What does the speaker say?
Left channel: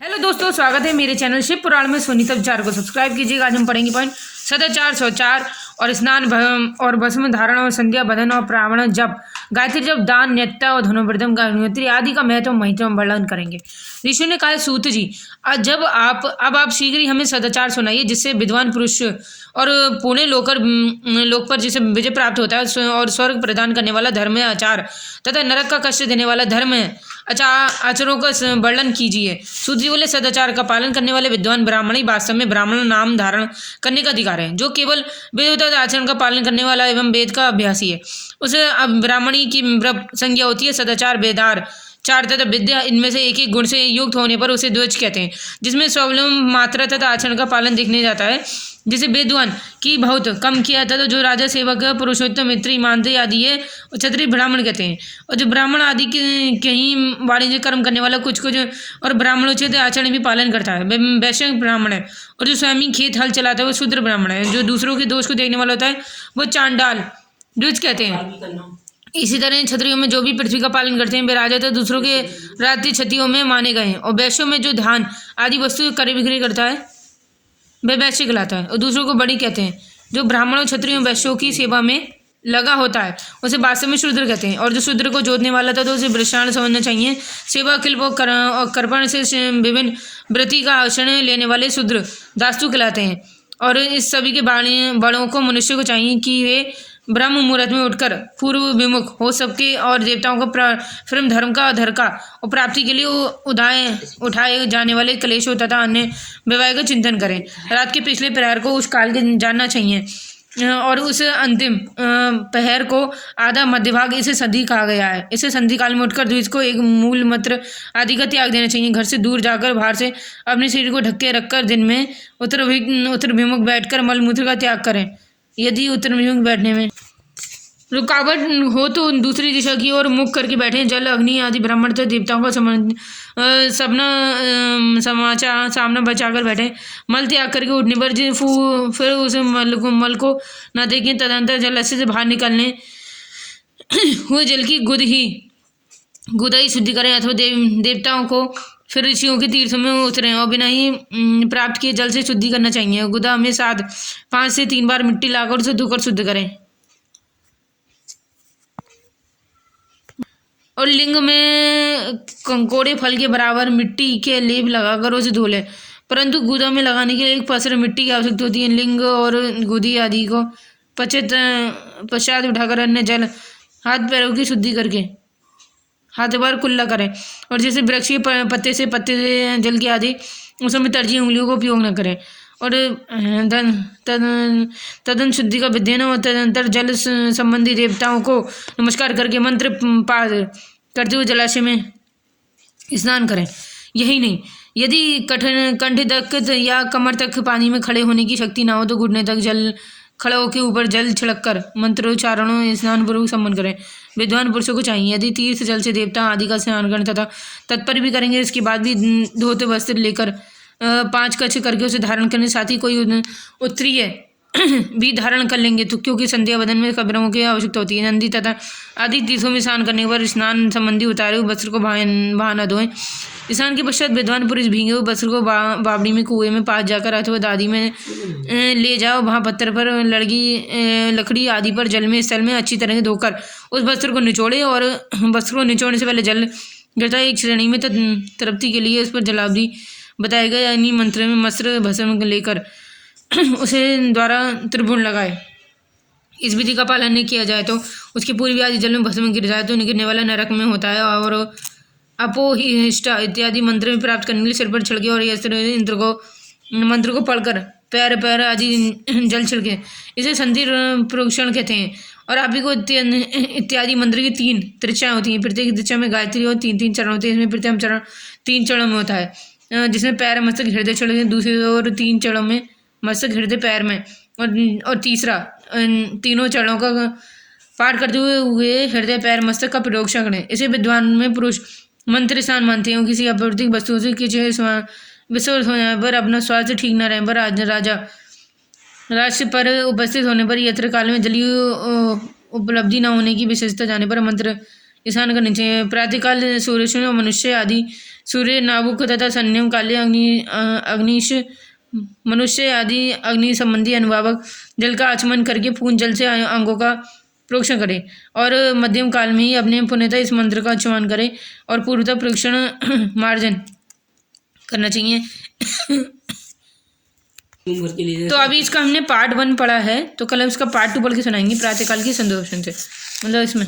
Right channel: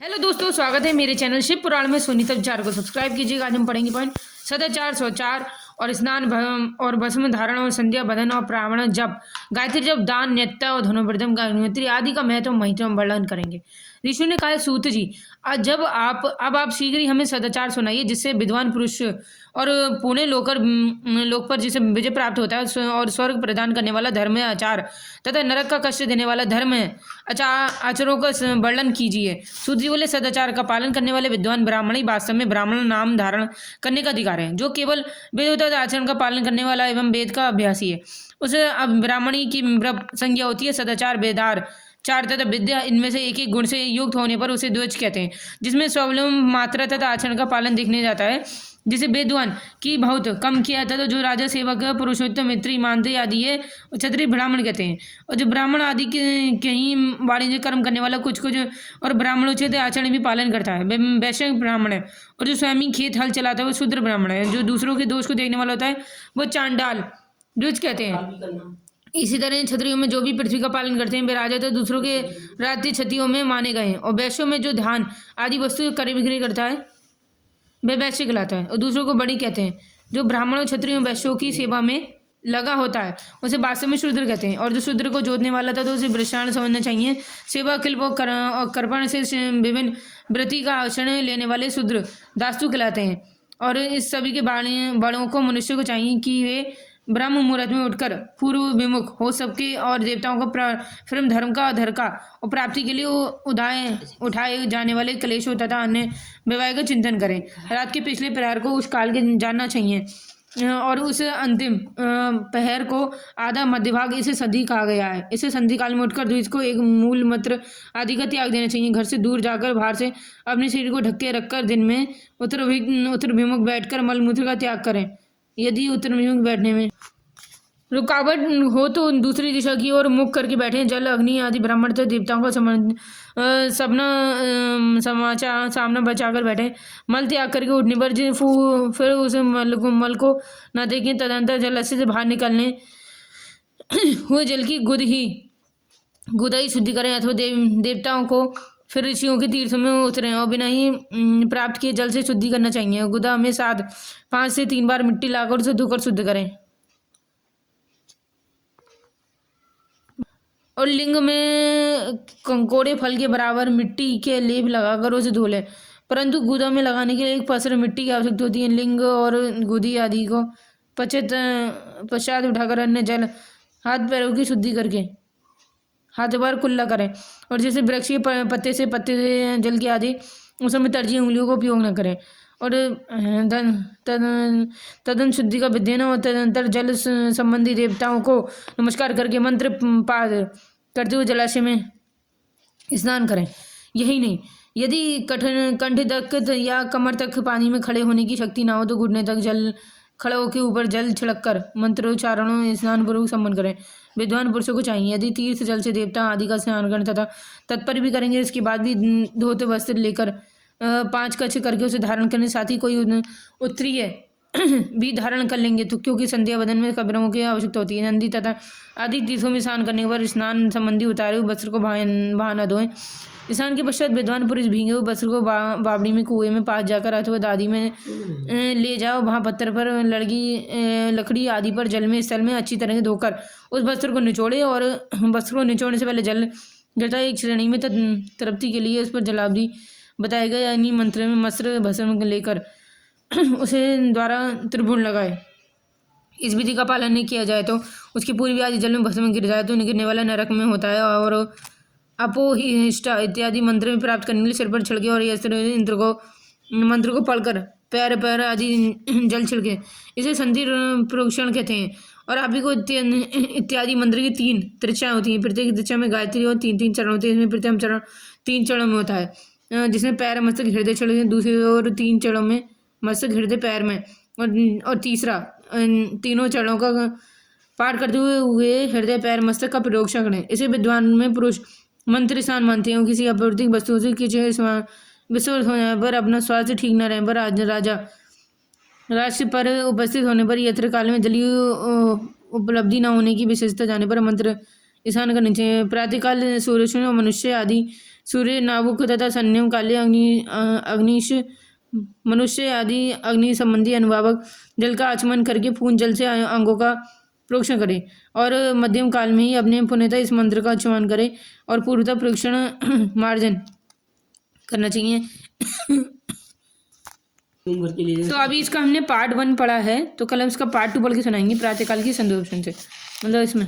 Hello दोस्तों, स्वागत है मेरे चैनल शिव पुराण में। सोनीता विचार को सब्सक्राइब कीजिएगा। आज हम पढ़ेंगे पॉइंट सदाचार, शौचार और स्नान और भस्म धारण और संध्या बदन और प्रावण जप, गायत्री जप, दान, नित्य और धनुर्वृद्धम गायत्री आदि का महत्व महिमा वर्णन करेंगे। ऋषि ने कहा, सूत जी, आज अब आप शीघ्र ही हमें सदाचार सुनाइए, जिससे विद्वान पुरुष और पुणे लोक पर जिसे विजय प्राप्त होता है और स्वर्ग प्रदान करने वाला धर्म है आचार तथा नरक का कष्ट देने वाला धर्म है आचरणों का वर्णन कीजिए। सूत जी बोले, सदाचार का पालन करने वाले विद्वान ब्राह्मण ही वास्तव में ब्राह्मण नाम धारण करने का अधिकार है, जो केवल वेद आचरण का पालन करने वाला एवं वेद का अभ्यासी है। उसे ब्राह्मणी की संज्ञा होती है। सदाचार, वेदार, चार तथा विद्या, इनमें से एक एक गुण से युक्त होने पर उसे द्विज कहते हैं, जिसमें स्वावलंबन, मात्रा तथा आचरण का पालन देखने जाता है। जिसे विद्वान की बहुत कम किया था, तो जो राजा, सेवक, पुरुषोत्तम, मित्र, ईमानदारी आदि है, क्षत्रिय ब्राह्मण कहते हैं। और जो ब्राह्मण आदि के कहीं वाणिज्य कर्म करने वाला कुछ और ब्राह्मणोचित आचरण भी पालन करता है, वैश्य ब्राह्मण है। और जो स्वयं खेत हल चलाता है वो शूद्र ब्राह्मण है। जो दूसरों के दोष को देखने वाला होता है वो चांडाल द्विज कहते हैं। इसी तरह क्षत्रियों में जो भी पृथ्वी का पालन करते हैं वे राजा तथा दूसरों के राज्य क्षत्रियों में माने गए हैं। और वैश्यों में जो धान आदि वस्तु क्रय बिक्री करता है वह वैश्य कहलाता है और दूसरों को बड़ी कहते हैं। जो ब्राह्मणों, क्षत्रियों, वैश्यों की सेवा में लगा होता है उसे वास्तव में शूद्र कहते हैं। और जो शूद्र को जोतने वाला था तो उसे वृषाण समझना चाहिए। सेवा, किल्प और कर्पण से विभिन्न वृत्ति का आचरण लेने वाले शूद्र दास्तु कहलाते हैं। और इस सभी के बड़ों को मनुष्य को चाहिए कि वे ब्रह्म मुहूर्त में उठकर पूर्व विमुख हो सबके और देवताओं को फिर धर्म का अधर का और प्राप्ति के लिए उठाए जाने वाले क्लेशों तथा अन्य विवाह का चिंतन करें। रात के पिछले प्रहर को उस काल के जानना चाहिए और उस अंतिम पहर को आधा मध्य भाग इसे संधि कहा गया है। इसे संधि काल में उठकर द्विज को एक मूल मंत्र आदि का त्याग देना चाहिए। घर से दूर जाकर बाहर से अपने शरीर को ढके रखकर दिन में उत्तर विमुख बैठकर मलमूत्र का त्याग करें। यदि उत्तर विमुख बैठने में रुकावट हो तो दूसरी दिशा की ओर मुख करके बैठे। जल, अग्नि आदि ब्राह्मण तथा देवताओं का सामना बचाकर बैठे। मल त्याग करके उठने पर फिर उस मल को न देखें। तदंतर जल से बाहर निकलने हुए जल की गुदा ही शुद्धि करें अथवा देवताओं को फिर ऋषियों के तीर्थों में उतरें और बिना ही प्राप्त किए जल से शुद्धि करना चाहिए। गुदा में 5 से 3 बार मिट्टी लाकर उसे धोकर शुद्ध करें। और लिंग में कंकोड़े फल के बराबर मिट्टी के लेप लगाकर उसे धो लें। परंतु गुदा में लगाने के लिए एक पसर मिट्टी की आवश्यकता होती है। लिंग और गुदी आदि को पश्चात उठाकर अन्य जल हाथ पैरों की शुद्धि करके हाथ बार कुल्ला करें। और जैसे वृक्ष के पत्ते से जल की आदि उसमें तर्जी उंगलियों का उपयोग न करें। और तदन शुद्धि का विधान और तदंतर जल संबंधी देवताओं को नमस्कार करके मंत्र पाठ करते हुए जलाशय में स्नान करें। यही नहीं, यदि कंठ तक या कमर तक पानी में खड़े होने की शक्ति ना हो तो घुटने तक जल खड़ा होकर ऊपर जल छिड़क कर मंत्रोच्चारणों स्नान पूर्वक सम्मन करें। विद्वान पुरुषों को चाहिए यदि तीर्थ जल से देवता आदि का स्नान करें तथा तत्पर भी करेंगे, इसके बाद भी धोते वस्त्र लेकर 5 कच्छ करके उसे धारण करने, साथ ही कोई उत्तरीय भी धारण कर लेंगे तो क्योंकि संध्या बदन में कब्रों की आवश्यकता होती है। नंदी तथा आदि तीर्थों में स्नान करने पर स्नान संबंधी उतारे हुए वस्त्र को बहाना धोएं। स्नान के पश्चात विद्वान पुरुष भीगे हुए वस्त्र को बावड़ी में कुएं में पास जाकर अथवा दादी में ले जाओ। वहाँ पत्थर पर लकड़ी आदि पर जल में स्थल में अच्छी तरह से धोकर उस वस्त्र को निचोड़े। और वस्त्र को निचोड़ने से पहले जल गिरता है एक श्रेणी में तृप्ति के लिए उस पर जलावधि बताया गया, यानी मंत्र में मस्त्र भस्म लेकर उसे द्वारा त्रिभुवन लगाए। इस विधि का पालन नहीं किया जाए तो उसकी पूर्वी आदि जल में भस्म गिर जाए तो गिरने वाला नरक में होता है। और अपोहिष्टा इत्यादि मंत्र में प्राप्त करने के लिए सिर पर छिड़के और मंत्र को पढ़कर पैर आदि जल छिड़के, इसे संधि प्रोक्षण कहते हैं। और आप ही को इत्यादि मंत्र की 3 त्रिचाएं होती हैं। प्रत्येक त्रिचा में गायत्री और 3 चरण होते हैं। इसमें प्रथम चरण 3 चरणों में होता है, जिसमें पैर, मस्तक, हृदय चढ़े। दूसरी और 3 चरणों में मस्तक, हृदय, पैर में। और तीसरा तीनों चरणों का पाठ करते हुए हृदय, पैर, मस्तक का प्रोक्षण करें। इसे विद्वान में पुरुष मंत्र स्थान मानते हैं। किसी अप्रतिक वस्तु से किसी विस्वृत होने पर, अपना स्वास्थ्य ठीक न रहने पर, राष्ट्र पर उपस्थित होने पर, यत्र काल में जलीय उपलब्धि न होने की विशेषता जाने पर मंत्र स्नान करने चाहिए। प्रातःकाल सूर्य और मनुष्य आदि सूर्य, नाभुक तथा संयम, काले अग्निश, मनुष्य आदि अग्नि संबंधी अनुभावक जल का आचमन करके पूर्ण जल से अंगों का प्रोक्षण करें और मध्यम काल में ही अपने पुण्यतः इस मंत्र का उच्चारण करें और पूर्वतः प्रोक्षण मार्जन करना चाहिए। तो अभी इसका हमने पार्ट 1 पढ़ा है, तो कल हम इसका पार्ट 2 पढ़ के सुनाएंगे प्रातःकाल की संध्या से, मतलब इसमें